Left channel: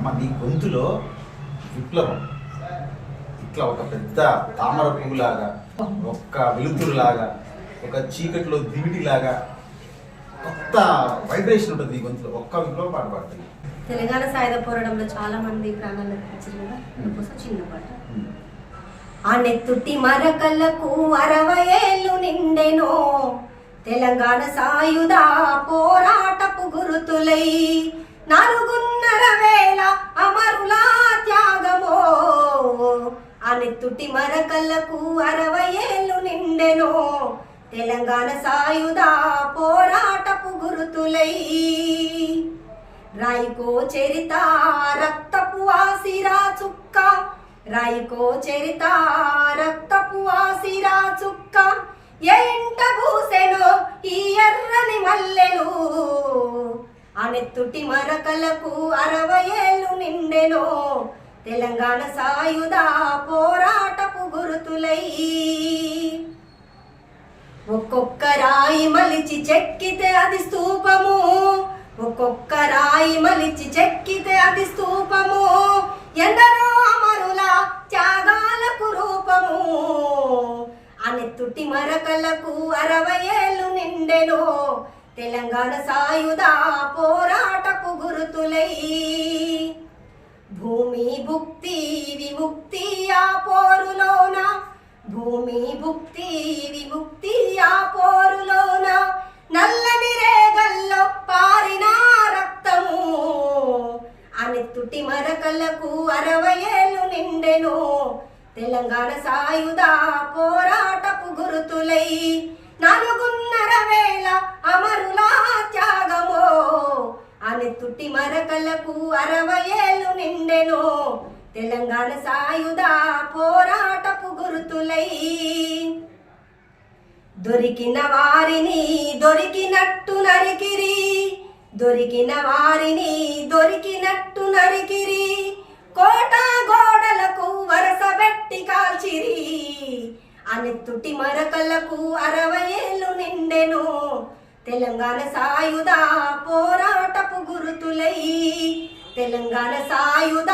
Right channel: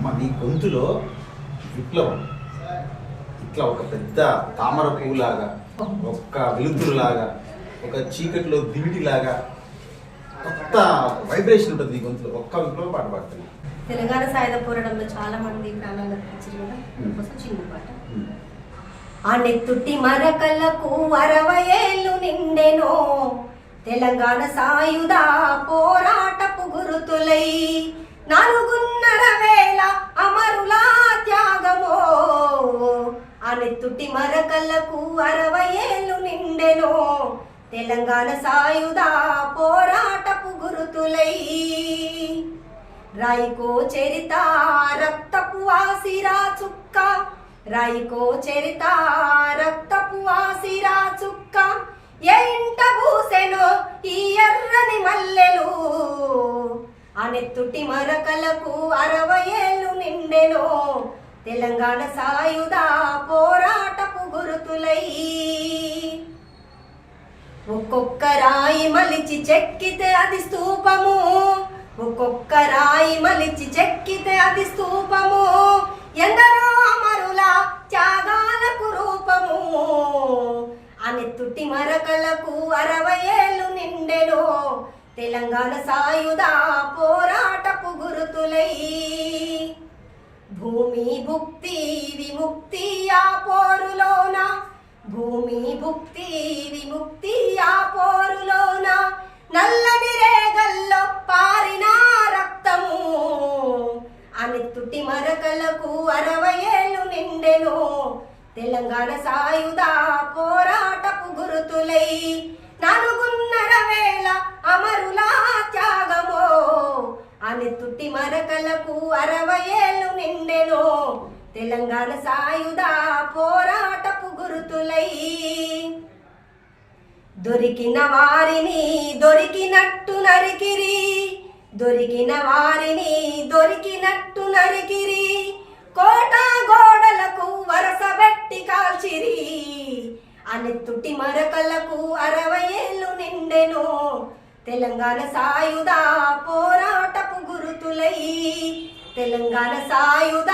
అమ్మ నీ గొంతులో విప్లవం ఇట్లా ఒక పెద్ద తామర పువ్వులాగా, ఒక్క వెలుతురులాగా, ఒక చీకటిలో దివిటిలాగా కొత్త వైబ్రేషన్ ఉంటుంది ఈ గొంతులో. ఒక్క విప్లవ పాట పాడుతుంది. తెలంగాణ సాయుధ పోరాటంలో చాలా మంది ప్రాణాలు అర్పించారు కదా, అందుకోసం చిన్న పాట. ఆ నెత్తుటి మరకలకు 60 ఏళ్ళు నిండెనో, తెలంగాణ సాయుధ పోరాటపు గురుతులై 4.5 అమరుల త్యాగమో. ఆ నెత్తుటి మరకలకు 60 ఏళ్ళు నిండెనో, తెలంగాణ సాయుధ పోరాటపు గురుతులై. రాయికో చరిత రక్తపు ఆసిరా చుక్క, రాయికో చరిత రక్తపు ఆసిరా చుక్క, ఏ ఇంట పూసెనో ఈ ఎర్రని మల్లెలు. ఆ నెత్తుటి మరకలకు 60 ఏళ్ళు నిండెనో, తెలంగాణ సాయుధ పోరాటపు గురుతులై. ఒక్కొక్క రాయి మలిచి చెక్కితే అది స్తూపము, ఒక్కొక్క రాయి మలిచి చెక్కితే అది స్తూపము, ఎందరో అమరుల త్యాగాలకు రూపము. ఆ నెత్తుటి మరకలకు 60 ఏళ్ళు నిండెనో, తెలంగాణ సాయుధ పోరాటపు గురుతులై. భూమి భుక్తి విముక్తి ఆ పోరులోన, భూమి భుక్తి విముక్తి ఆ పోరులోన, నల్లని రేగల్లో పారిన రక్తము. ఆ నెత్తుటి మరకలకు 60 ఏళ్ళు నిండెనో, తెలంగాణ సాయుధ పోరాటపు గురుతులై. 4.5 అమరుల త్యాగమో. ఆ నెత్తుటి మరకలకు 60 ఏళ్ళు నిండెనో, తెలంగాణ సాయుధ పోరాటపు గురుతులై. దొరికిన వారిని దొరికినట్టు నరికిరి, దొరికిన వారిని దొరికినట్టు నరికిరి, కోట గోడలకు వరసబెట్టి కాల్చిరి. ఆ నెత్తుటి మరకలకు 60 ఏళ్ళు నిండెనో, తెలంగాణ సాయుధ పోరాటపు గురుతులై. తెలంగాణ సాయుధ